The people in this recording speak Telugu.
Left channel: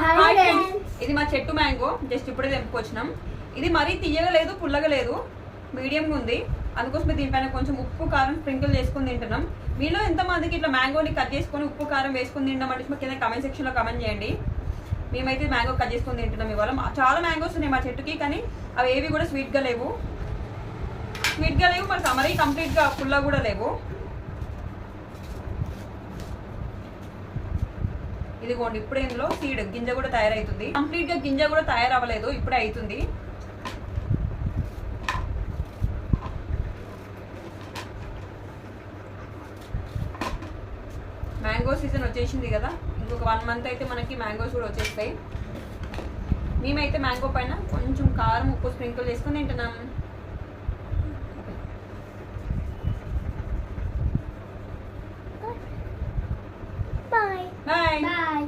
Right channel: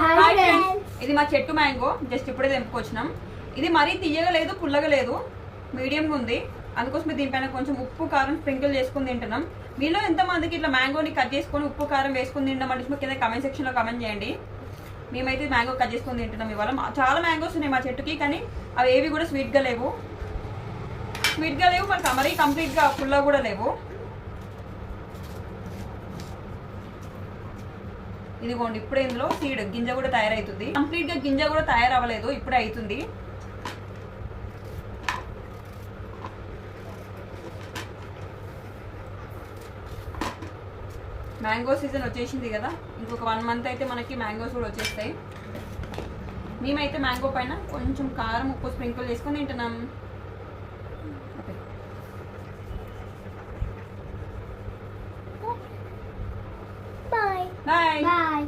హాయ్ ఫ్రెండ్స్, ఇది మా చెట్టు మ్యాంగో. జస్ట్ ఇప్పుడే తెంపుకొచ్చినాం. ఇది మరీ తీయగా లేదు, పుల్లగా లేదు, మీడియంగా ఉంది. అందుకోసమే దీనిపైన కొంచెం ఉప్పు కారం స్ప్రింకిల్ చేసుకుని తింటున్నాం. మీలో ఎంతమందికి ఇట్లా మ్యాంగోని కట్ చేసుకొని ఉప్పు కారం వేసుకుని తింటాం అంటే కింద కమెంట్ సెక్షన్లో కమెంట్ చేయండి. మేమైతే మ్యాంగో కట్ చేసుకొని తింటున్నాం. ఇవాళ చాలా మ్యాంగోస్ ఉన్నాయి మా చెట్టుకి, కానీ అవి ఏవి కూడా స్వీట్గా లేవు. మరి కంప్లీట్గా పుల్లగా కూడా లేవు. ఇదిగోండి, ఇప్పుడు ఇందులో సీడ్ గింజ కూడా తయారవుతుంది. కంప్లీట్ గా గింజ కూడా తయారవ్వలేదు, ఇప్పుడే అవుతుంది. మ్యాంగో సీజన్ వచ్చేసింది కదా, ఇంకొక 1 మంత్ అయితే మనకి మ్యాంగోస్ కూడా వచ్చేస్తాయి. మేమైతే మ్యాంగో పైన కొంచెం కారం ఉప్పు స్ప్రింకిల్ చేసుకొని తింటున్నాం. బాయ్.